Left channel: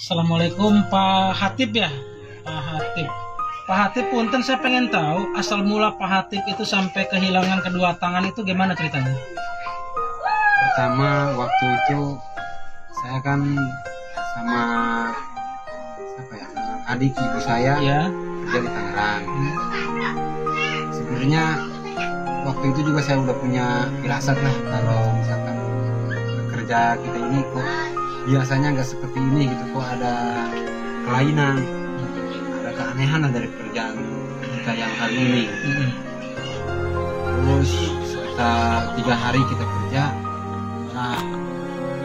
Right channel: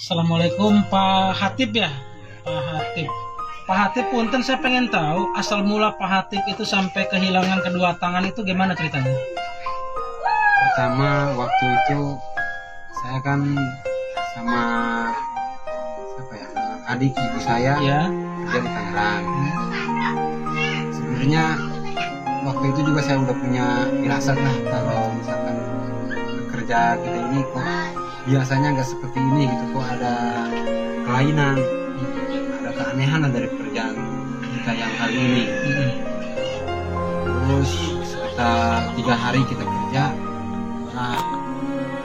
Assalamualaikum Pak Hatip ya, Pak Hatip. Pak Hatip, punten saya pengen tahu asal mula Pak Hatip itu sampai kehilangan kedua tangan itu gimana ceritanya? Pertama waktu itu saya kan sama siapa ya, adik ibu saya Ya. kerja di Tangerang. Sebenarnya waktu itu juga saya udah punya firasat lah kalau misalkan kerja kita ini kok biasanya nggak seperti ini gitu, kok ada kelainan, ada keanehan dari pekerjaan kita yang kali ini. Terus sekitar 3 hari kita kerja,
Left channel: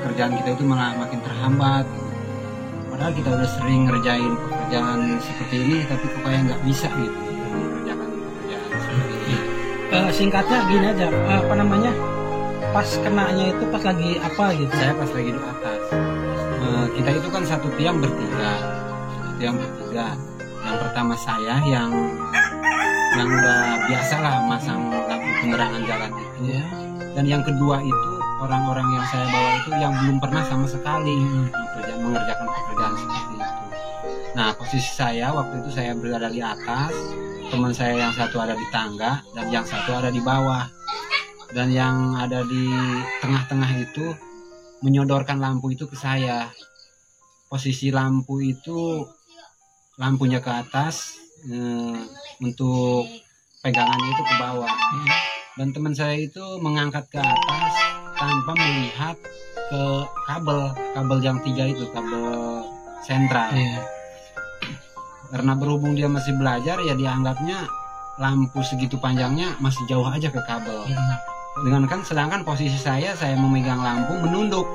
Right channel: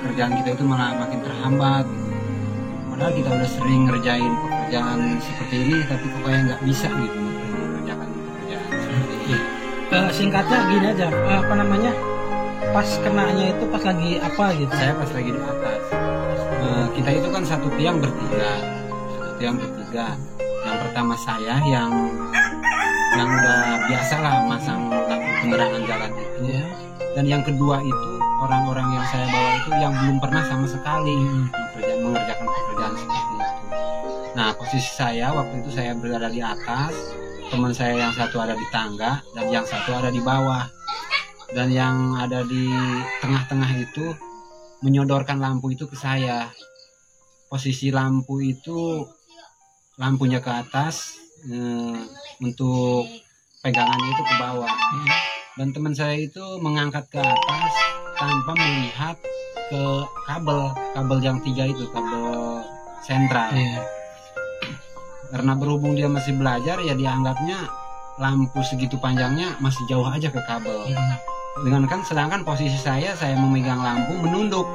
kerjaan kita itu malah makin terhambat gitu. Padahal kita udah sering ngerjain pekerjaan seperti ini, tapi kok kayak nggak bisa gitu mengerjakan pekerjaan seperti ini. Singkatnya gini aja, apa namanya? Pas kenanya itu pas lagi apa gitu? Saya pas lagi di atas. Kita itu kan satu tiang bertiga. Yang pertama saya yang udah biasa lah masang lampu penerangan jalan itu. Ya. Dan yang kedua itu orang-orang yang saya bawa itu yang belum pernah sama sekali mengerjakan pekerjaan seperti itu. Nah, posisi saya waktu itu saya berada di atas, teman saya yang satu ada di tangga dan yang satu ada di bawah. Dan yang ada di tengah-tengah itu menyodorkan lampu itu ke saya. Posisi lampu itu lampunya ke atas, untuk pegangannya itu ke bawah. Dan teman saya itu mengangkat ke atas tanpa melihat ke kabel yang 3 itu, kabel sentral. Karena berhubung dia masih belajar, ya dianggapnya lampu segitu panjangnya masih jauh aja ke kabel. Sedangkan posisi saya memegang lampu menunduk,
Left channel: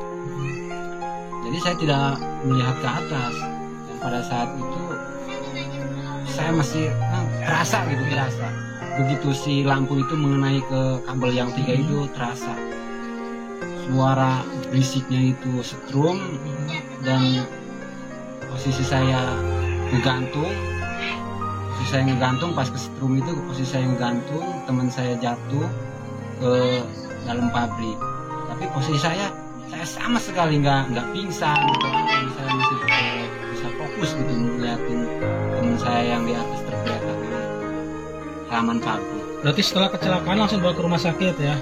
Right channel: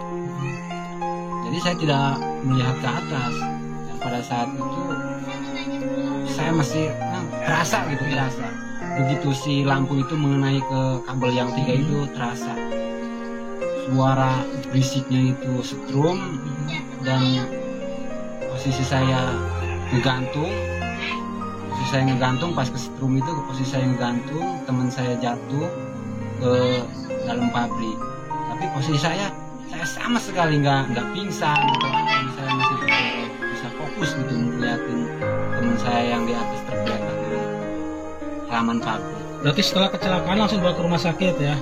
jadi saya tidak melihat ke atas. Dan pada saat itu saya masih terasa. Begitu si lampu itu mengenai ke kabel yang 3 itu, terasa suara berisiknya itu setrum. Dan posisi saya ngegantung, pas ke setrum itu, posisi saya ngegantung, teman saya jatuh ke dalam pabrik. Tapi posisi saya sama sekali nggak pingsan atau apa, saya masih bisa fokus gitu ngeliatin teman saya yang di atas tergeletak di halaman pabrik. Berarti setelah kecelakaan langsung bawa ke rumah sakit ya?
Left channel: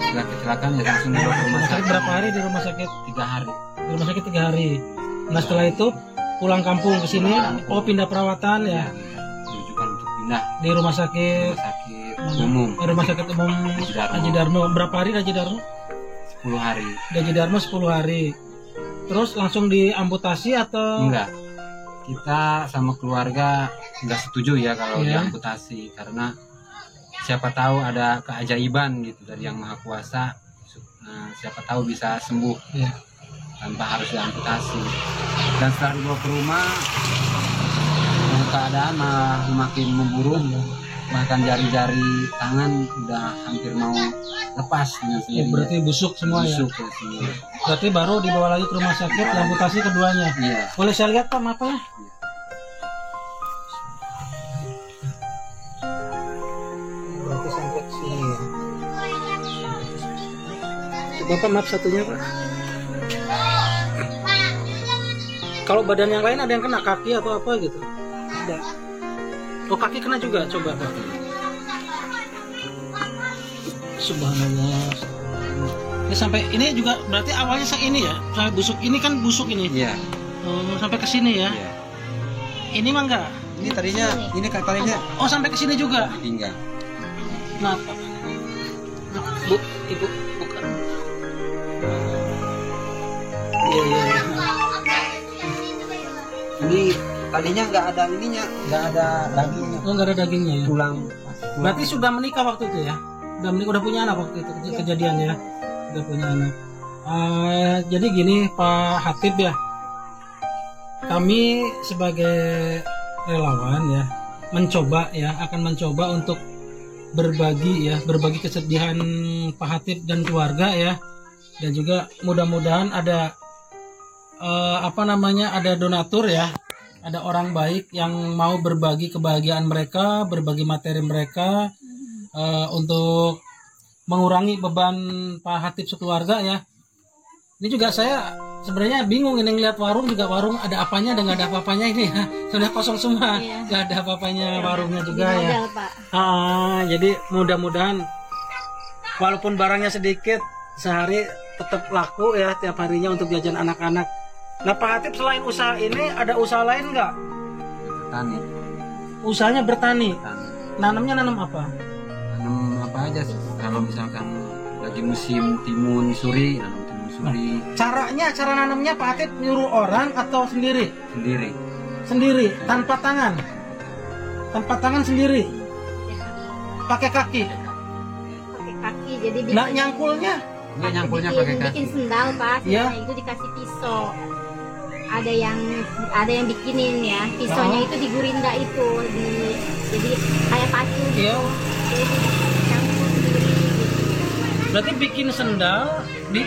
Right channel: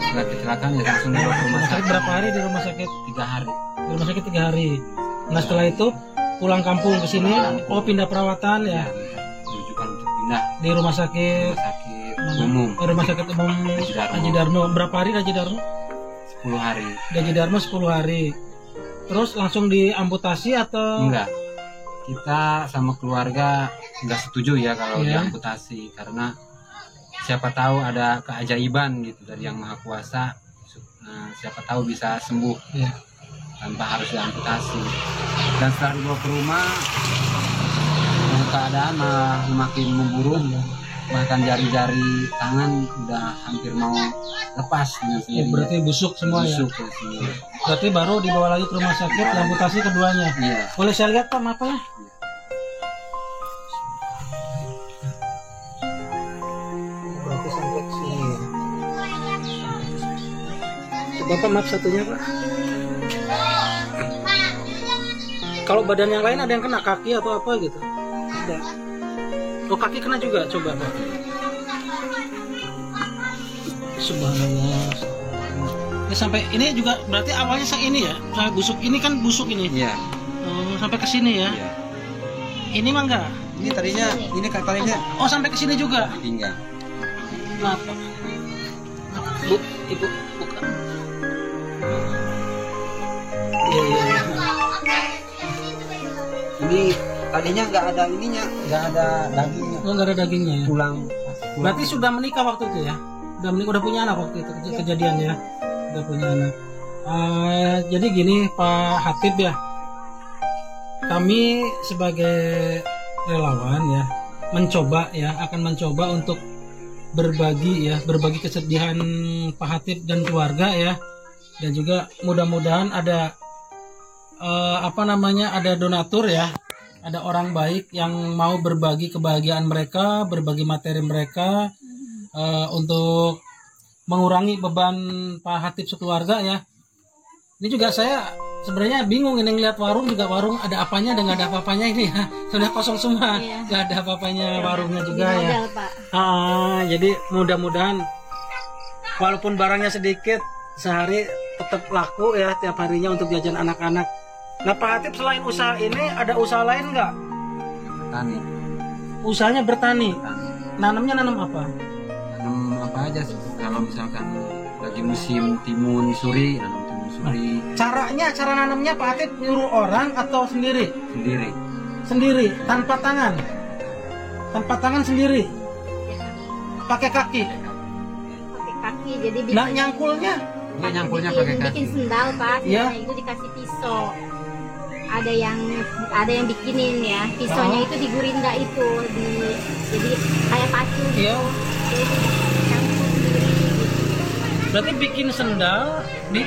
Setelah kecelakaan ya langsung dibawa ke rumah sakit. Berapa hari di rumah sakit? 3 hari. Di rumah sakit 3 hari. Nah, setelah itu pulang kampung ke sini, pindah perawatan ya? Rujukan untuk pindah Di rumah sakit umum. Rumah sakit umum Haji Darmo. Berapa hari Haji Darmo? 10 hari. Haji Darmo 10 hari. Terus langsung diamputasi atau? Enggak. Kita sama keluarga nggak setuju ya kalau diamputasi, karena siapa tahu ada keajaiban gitu dari Yang Maha Kuasa. Nah, siapa tahu bisa sembuh tanpa harus diamputasi. Dan setelah dibawa ke rumah, keadaan makin memburuk. Bahkan jari-jari tangan udah hampir mau lepas dengan sendirinya. Berarti busuk semua. Busuk ya? Semua. Berarti baru dibawa lagi ke rumah sakit, amputasi keduanya. Iya. Boleh saya lihat Pak, apa ya? Iya. Berarti sampai sini ya. Coba Pak, maaf satunya Pak. Kalau badan yang lain ada yang kena, kaki atau apa gitu? Ada. Oh, kaki kena juga, coba Pak. Subhanallah. Ini sampai ini juga berarti awalnya ini ya, sampai busuk ini kan busuk ini. Iya. Sampai ke sini ya. Iya. Ini mah enggak. Ini tadinya Oh, sampai ke sini juga. pinggang. Kenapa? Bu, Ibu bukan. Iya. Ini tadinya nggak ada ininya, nggak ada dagingnya. Oh, nggak ada dagingnya ya. Tulang. Berarti sudah menikah waktu itu ya? Udah punya anak waktu itu kejadiannya. Udah punya anak. Jadi gini Pak Hatip ya. Kami sebagai relawan ya akan mencoba untuk berbagi kesedihan Pak Hatip dan keluarga ya. Dan juga mudah-mudahan ada ada donatur ya. Ada orang baik yang mau berbagi kebahagiaan mereka, berbagi materi mereka untuk mengurangi beban Pak Hatip sekeluarga ya. Ini juga saya sebenarnya bingung ini ngeliat warung juga, warung ada apanya dan nggak ada apa-apanya ini ya. Sudah kosong semua, nggak ada apa-apanya warungnya juga ya. Pak. Jadi mudah-mudahan walaupun barangnya sedikit, sehari tetap laku ya tiap harinya untuk jajan anak-anak. Nah Pak Hatip, selain usaha ini ada usaha lain nggak? Bertani. Usahanya bertani. Bertani. Nanamnya nanam apa? Nanam apa aja? Kalau misalkan lagi musim timun suri, nanam timun suri. Cara nanamnya Pak Hatip nyuruh orang atau sendiri? Sendiri. Sendiri, tanpa tangan. Tanpa tangan sendiri. Pakai kaki. Pakai kaki, jadi bikin, Nah, nyangkulnya? Enggak, nyangkulnya pakai kaki. bikin sendal Pak. Iya. Nah, itu dikasih pisau. Ada yang bikinin ya. Pisaunya itu di gurinda itu, jadi kayak pacu gitu. Iya. Jadi campur sendiri gitu. Berarti bikin sendal di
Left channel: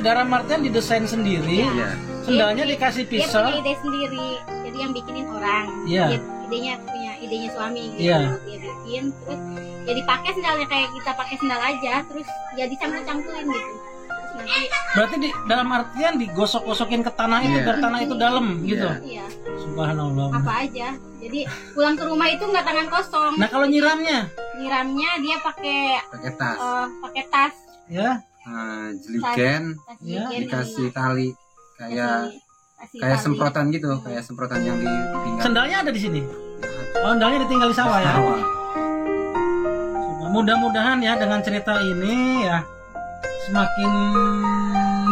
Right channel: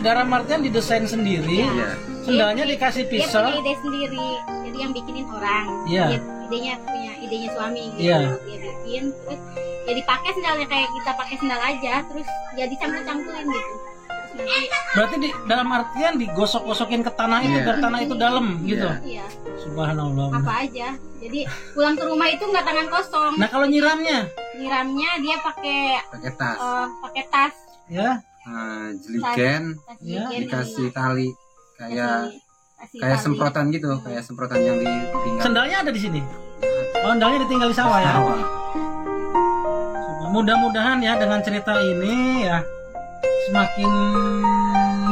dalam artian didesain sendiri. Iya. Sendalnya dikasih Dia pisau. punya ide sendiri. Jadi yang bikinin orang. Iya. Idenya suami gitu. Iya. Dia bikin terus ya dipakai sendalnya kayak kita pakai sendal aja, terus ya dicampur-campurin gitu. Terus nanti Berarti dalam artian digosok-gosokin ke tanah itu Iya. biar tanah itu dalam gitu. iya, Subhanallah. apa aja. Jadi pulang ke rumah itu nggak tangan kosong. Nah, kalau nyiramnya Nyiramnya dia pakai Pakai tas. ya, Jeligen tas Iya. jeligen dikasih ini. tali kayak Kasih kayak tali. semprotan gitu, kayak semprotan yang di pinggang. sendalnya ada di sini. Oh, sendalnya ditinggal di sawah ya. Sawah. Mudah-mudahan ya dengan cerita ini ya semakin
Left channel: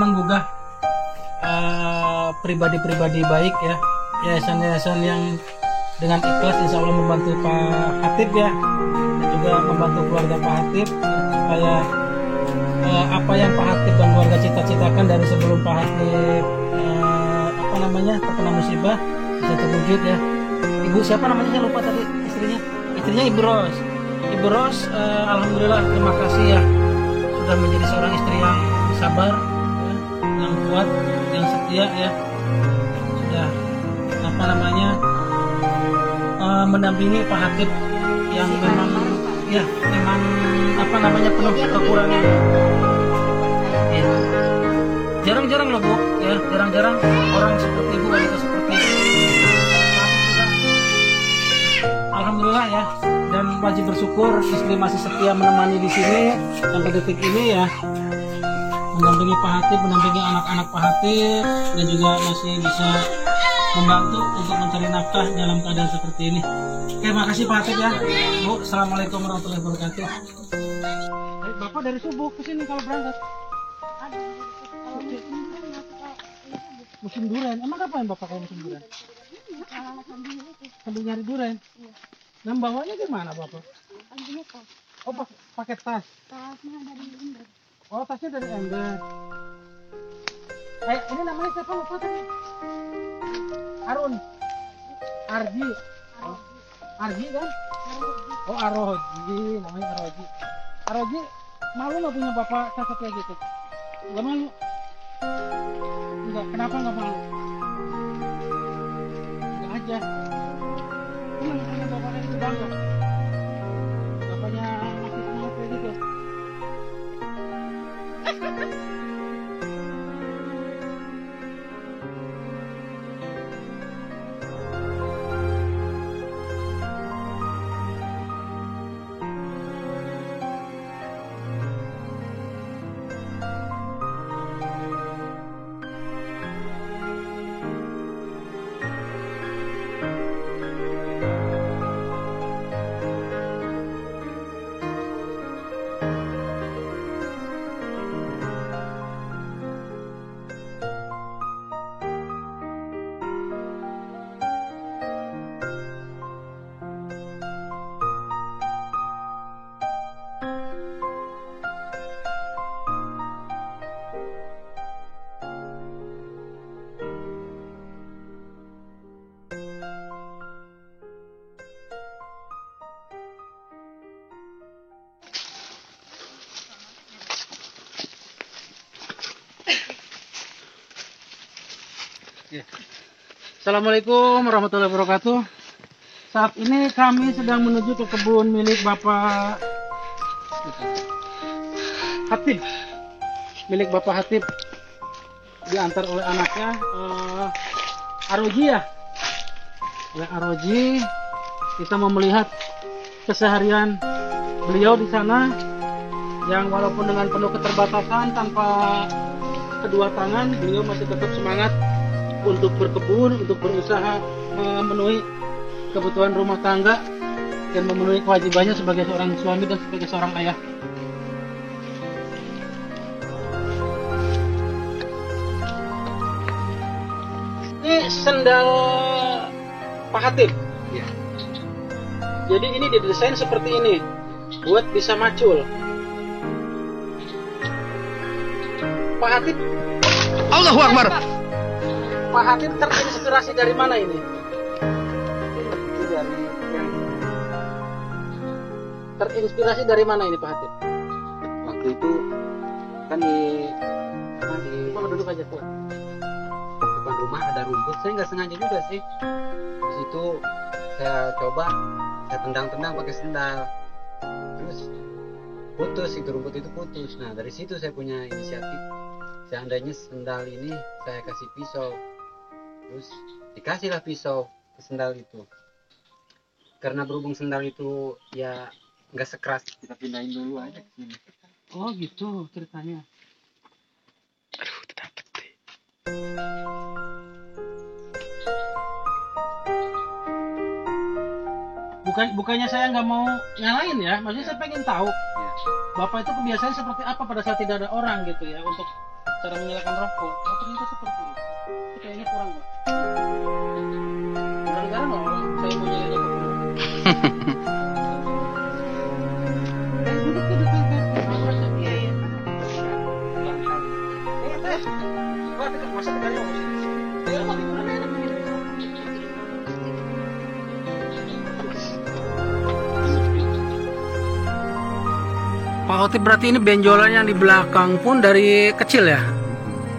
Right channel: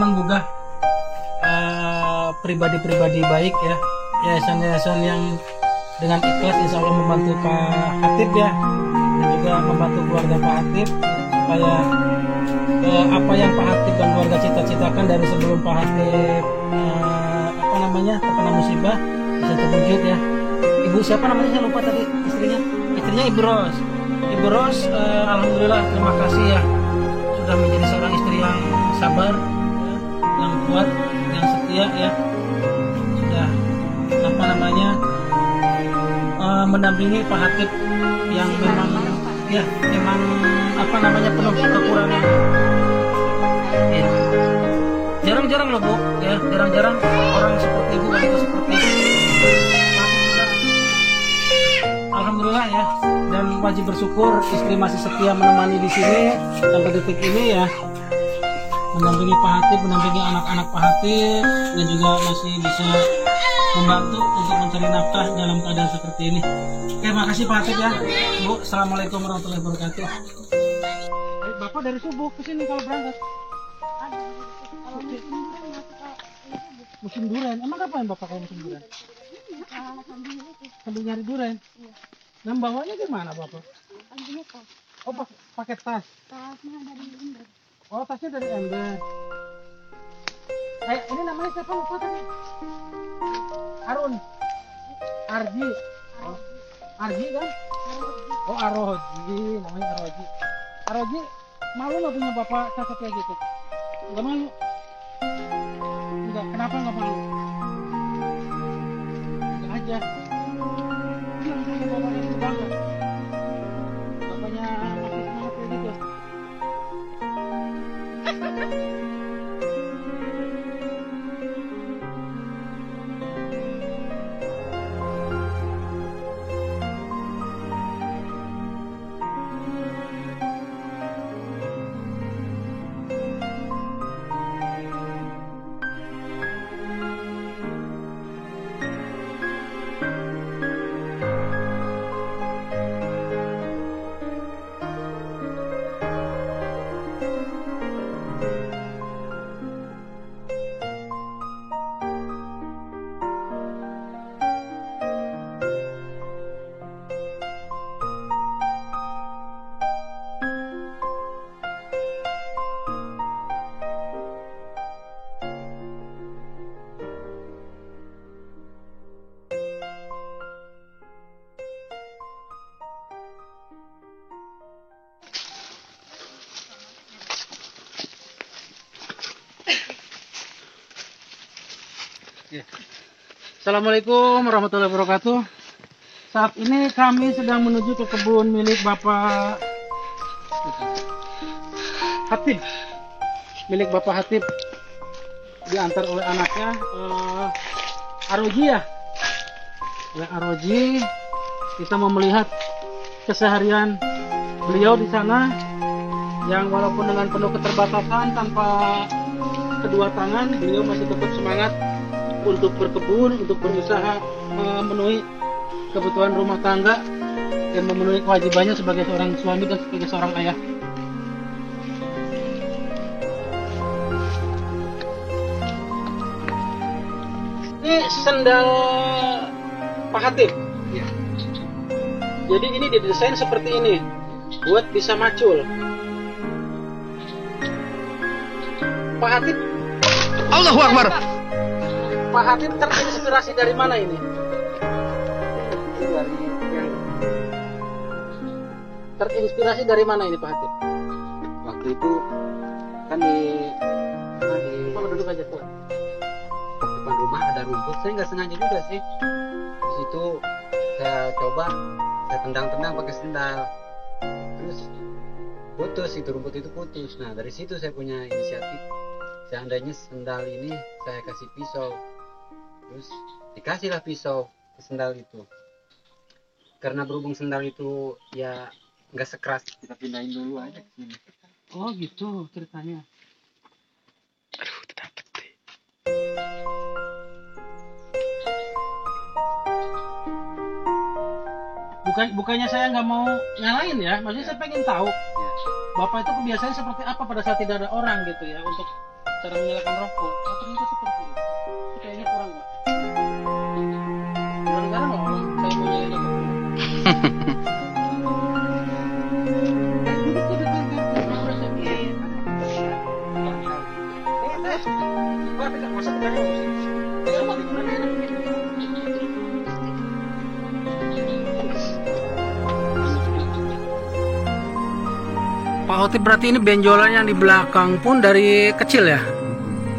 menggugah pribadi-pribadi baik ya, yayasan-yayasan yang dengan ikhlas insya Allah membantu Pak Hatip ya, dan juga membantu keluarga Pak Hatip ya, supaya apa yang Pak Hatip dan keluarga cita-citakan dari sebelum Pak Hatip terkena musibah bisa terwujud ya. Ibu siapa namanya, saya lupa tadi, istrinya Ibu Ros. Ibu Ros, alhamdulillah terima kasih ya sudah menjadi seorang istri yang sabar ya, yang kuat, yang setia ya, sudah mendampingi Pak Hatip yang Si memang bareng-bareng, Pak. ya memang penuh Dia kekurangan. menginginkan Iya. Jarang-jarang loh Bu ya, jarang-jarang orang seperti Ibu, wanita seperti Ibu. Pak Hatip juga alhamdulillah ya, dan wajib bersyukur istri masih setia menemani di sini sampai detik ini ya, mendampingi Pak Hatip, mendampingi anak-anak Pak Hatip, dan juga masih bisa membantu untuk mencari nafkah dalam keadaan seperti ini. Oke, makasih Pak Hatip ya. Bu, assalamualaikum warahmatullahi wabarakatuh. Bapak dari subuh ke sini kalau berangkat? Musim durian. Emang kapan Bapak kalau musim durian? Sambil nyari durian. Nah, bawanya gimana Bapak? Oh, pakai tas. Oh, tasnya dari ember. Ini namanya siapa lupa tadi? Arun. Arji. Oh, Arji kan? Oh, Aroji, namanya Aroji. Aroji, malu nggak punya bapak cacat kayak gitu? Nggak malu? Enggak, kenapa nggak malu? Enggak aja. Senang punya bapaknya itu, bangga. Bapaknya masih semangat kayak gitu. Assalamualaikum warahmatullahi wabarakatuh. Saat ini kami sedang menuju ke kebun milik Bapak Hatip. Milik Bapak Hatip. diantar oleh anaknya Aroji ya. Oleh Aroji, kita mau melihat keseharian beliau di sana yang walaupun dengan penuh keterbatasan, tanpa kedua tangan, beliau masih tetap semangat untuk berkebun, untuk berusaha memenuhi kebutuhan rumah tangga dan memenuhi kewajibannya sebagai seorang suami dan sebagai seorang ayah. Ini sendal Pak Hatip. Iya. Jadi ini didesain seperti ini, buat bisa macul. Pak Hatip, Allahu Akbar. Pak Hatip terinspirasi dari mana ini? Itu dari yang Terinspirasi dari mana ini Pak Hatip? waktu itu kan di Kalau duduk aja Pak. depan rumah ada rumput, saya nggak sengaja juga sih. Di situ saya coba, saya tendang-tendang pakai sendal, terus putus, itu rumput itu putus. Nah dari situ saya punya inisiatif, seandainya sendal ini saya kasih pisau, terus dikasihlah pisau ke sendal itu. Karena berhubung sendal itu ya nggak sekeras, kita pindahin dulu aja ke sini. Oh gitu ceritanya. Aduh, dapet deh. Bukannya saya nggak mau nyalain ya, maksudnya saya pengen tahu Ya. Bapak itu kebiasaan seperti apa pada saat tidak ada orang gitu ya untuk cara menyalakan rokok. Oh ternyata seperti itu. Itu kayaknya kurang Pak. Gara-gara nggak orang saya mau nyalain rokok. Duduk tuh dekat iya iya. Pak, dekat masa dekat mau sih. Saya rumah tiduran enak begini. Pak Hotip berarti ini benjolan yang di belakang pun dari kecil ya?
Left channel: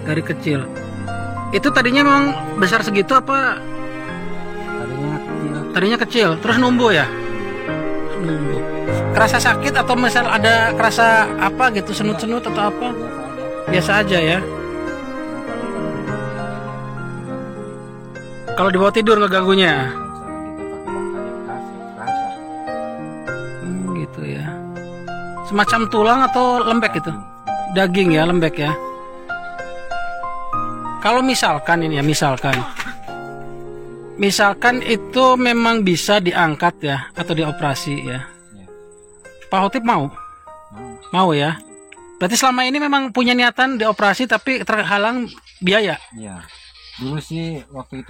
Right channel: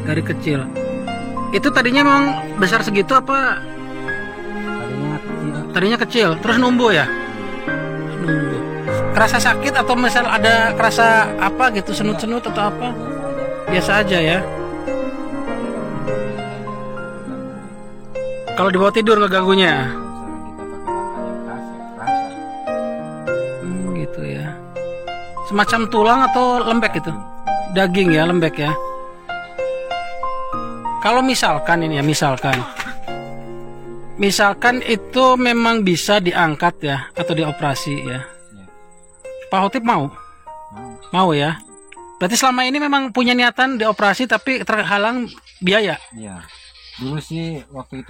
Dari kecil. Itu tadinya memang besar segitu apa? Tadinya kecil. Tadinya kecil, terus numbuh ya? Numbuh. Kerasa sakit atau misal ada kerasa apa gitu, senut-senut atau apa? Biasa aja. Biasa aja ya? Kalau di bawah tidur nggak ganggunya. Kalau kita pakai langkah yang keras, ya kerasa. Gitu ya. Semacam tulang atau lembek gitu? Daging ya, lembek ya. Kalau misalkan ini ya, misalkan itu memang bisa diangkat ya atau dioperasi ya. Pak Hotip mau? Mau ya. Berarti selama ini memang punya niatan dioperasi tapi terhalang biaya. Iya. Dulu sih waktu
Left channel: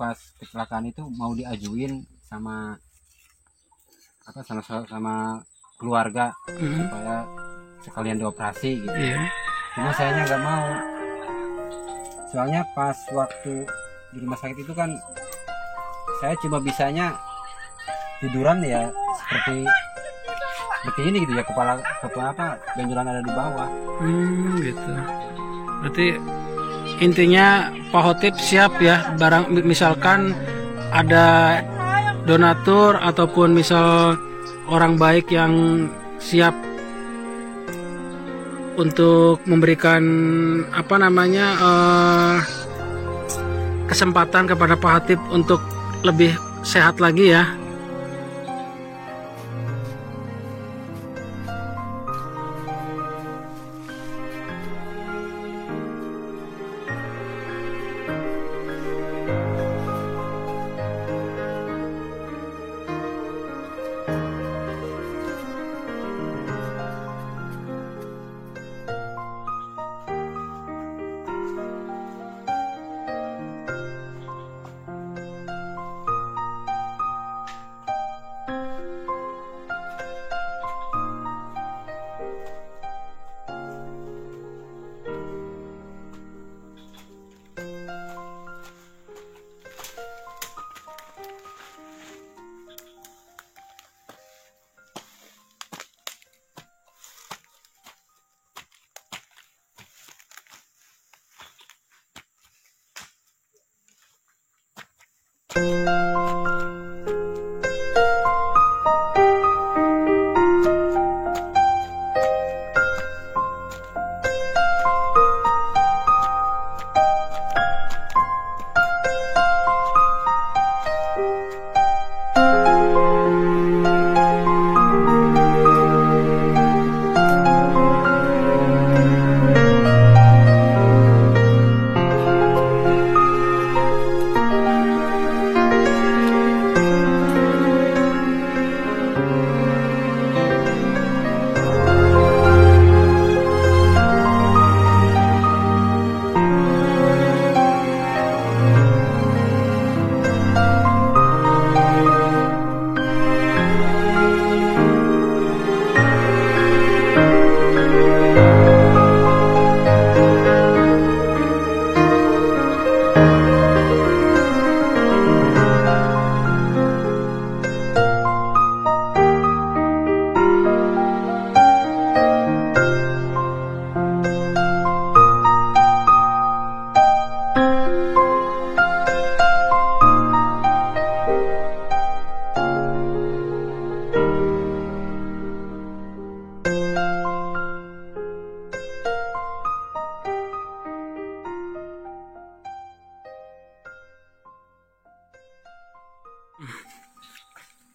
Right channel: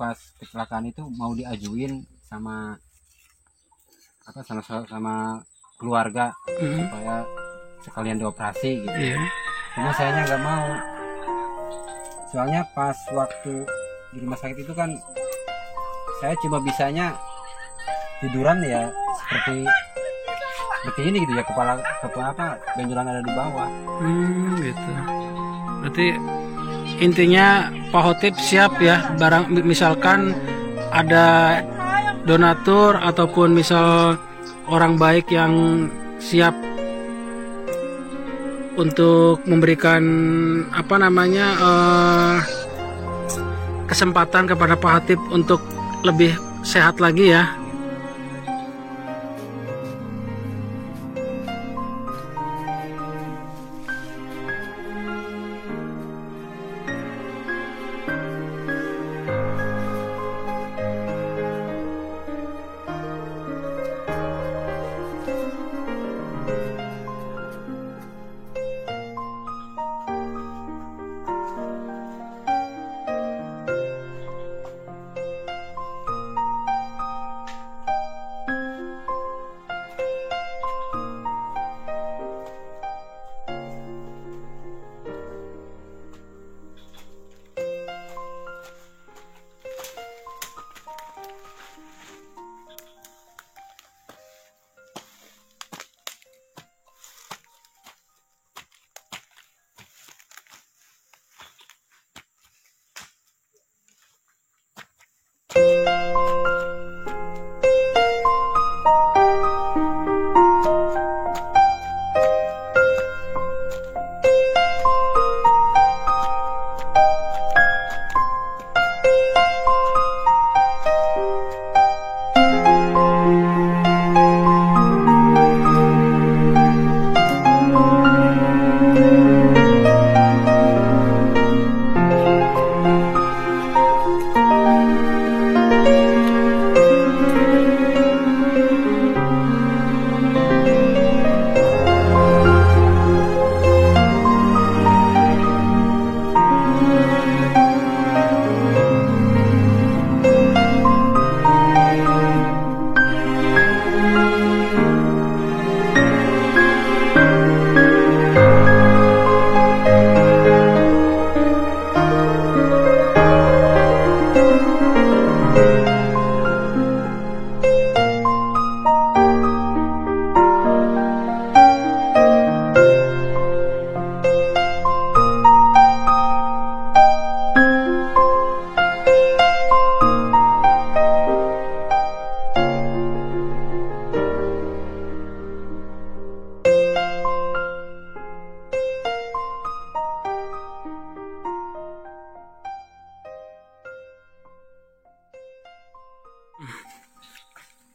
pas kecelakaan itu mau diajuin sama sama keluarga supaya sekalian dioperasi gitu. Iya. Cuma sayanya nggak mau. Soalnya pas waktu di rumah sakit itu kan saya cuma bisanya tiduran ya seperti ini gitu ya, kepala apa benjolan ada di bawah. Gitu. Berarti intinya Pak Hotip siap ya, barang misalkan ada donatur ataupun misal orang baik yang siap untuk memberikan kesempatan kepada Pak Hotip untuk lebih sehat lagi ya.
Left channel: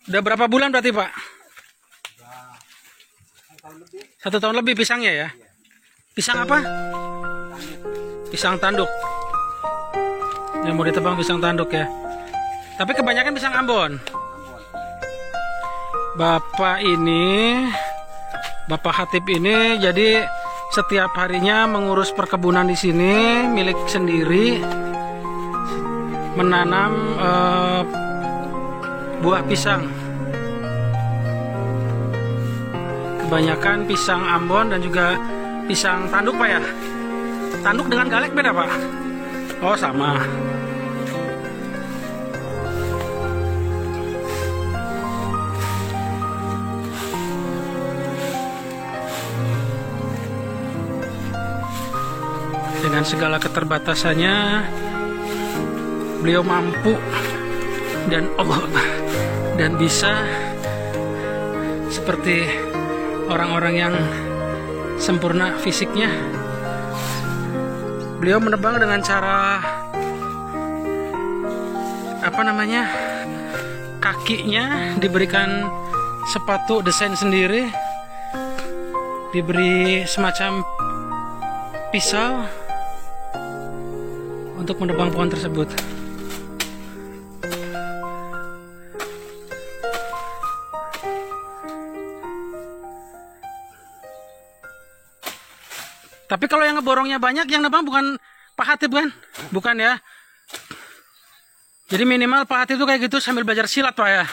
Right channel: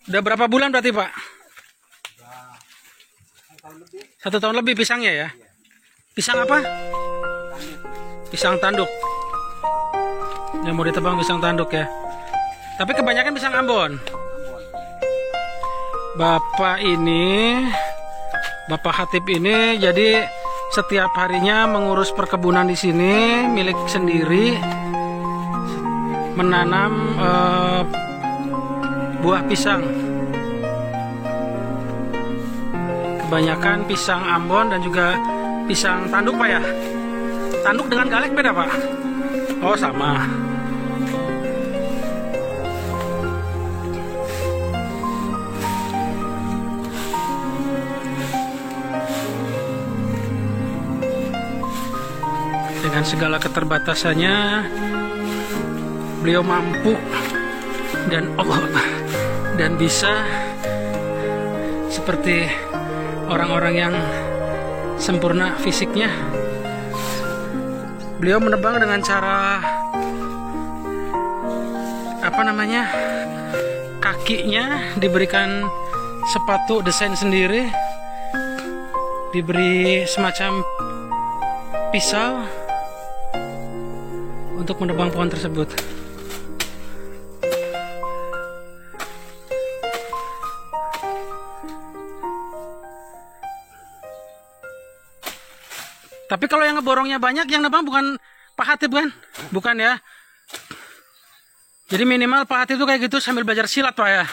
Udah berapa bulan berarti Pak? 1 tahun lebih pisangnya ya? Pisang apa? Pisang tanduk. Yang mau ditebang pisang tanduk ya. Tapi kebanyakan pisang Ambon. Bapak Hatip ini jadi setiap harinya mengurus perkebunan di sini milik sendiri, menanam buah pisang. Kebanyakan pisang Ambon dan juga pisang tanduk Pak ya. Tanduk dengan galek beda Pak? Oh sama. Dengan segala keterbatasannya, beliau mampu dan bisa seperti orang-orang yang sempurna fisiknya. Beliau menebang dengan cara kakinya diberikan sepatu desain sendiri, diberi semacam pisau untuk menebang pohon tersebut. Tapi kalau yang ngeborongnya banyak, yang nebang bukan Pak Hatip kan? Bukan ya? Jadi minimal Pak Hatip itu kayak gitu sambil belajar silat Pak ya?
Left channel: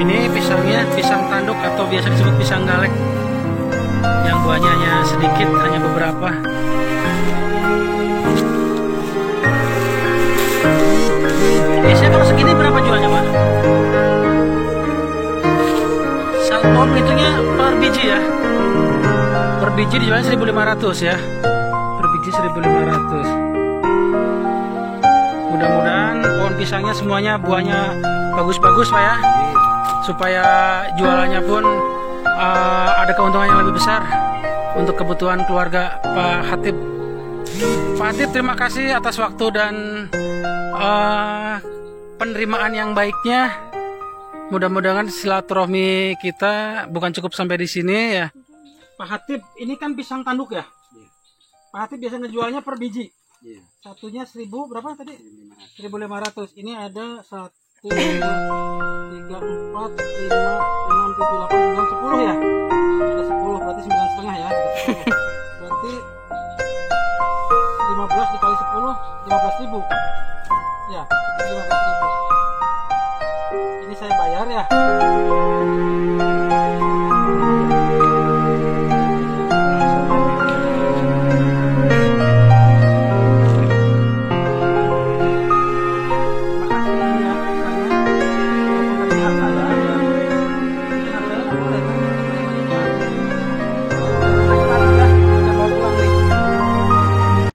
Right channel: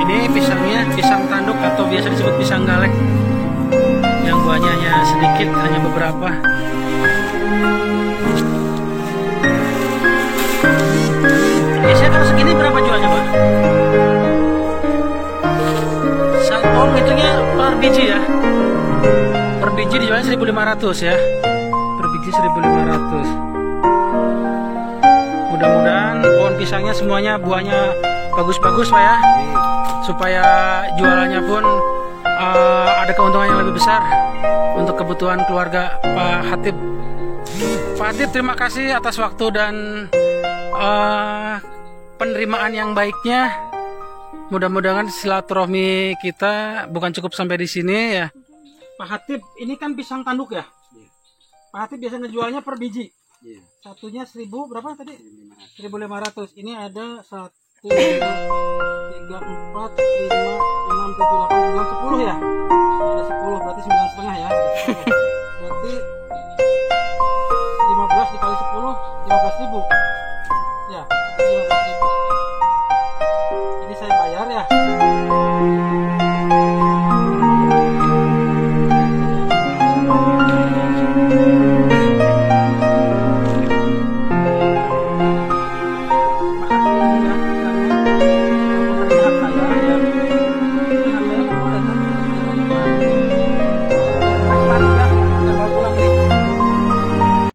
Ini pisangnya pisang tanduk atau biasa disebut pisang galek, yang buahnya hanya sedikit, hanya beberapa. Biasanya kalau segini berapa jualnya Pak? Oh hitungnya per biji ya? Per biji dijualnya 1.500 ya? Per biji 1.500. Mudah-mudahan pohon pisangnya semuanya buahnya bagus-bagus Pak ya, supaya jualannya pun ada keuntungan yang lebih besar untuk kebutuhan keluarga Pak Hatip. Pak Hatip, terima kasih atas waktu dan penerimaan yang baiknya. Mudah-mudahan silaturahmi kita bukan cukup sampai di sini ya. Pak Hatip, ini kan pisang tanduk ya? Pak Hatip biasanya jualnya per biji. Satunya 1.000 berapa tadi? 1.500. Ini ada 1, 2, 3, 4, 5, 6, 7, 8, 9, 10 ya? Ada 10, berarti 9,5 ya? Ada 10. Berarti 15 dikali 10, 15.000. Ya, 15.000. Ini saya bayar ya.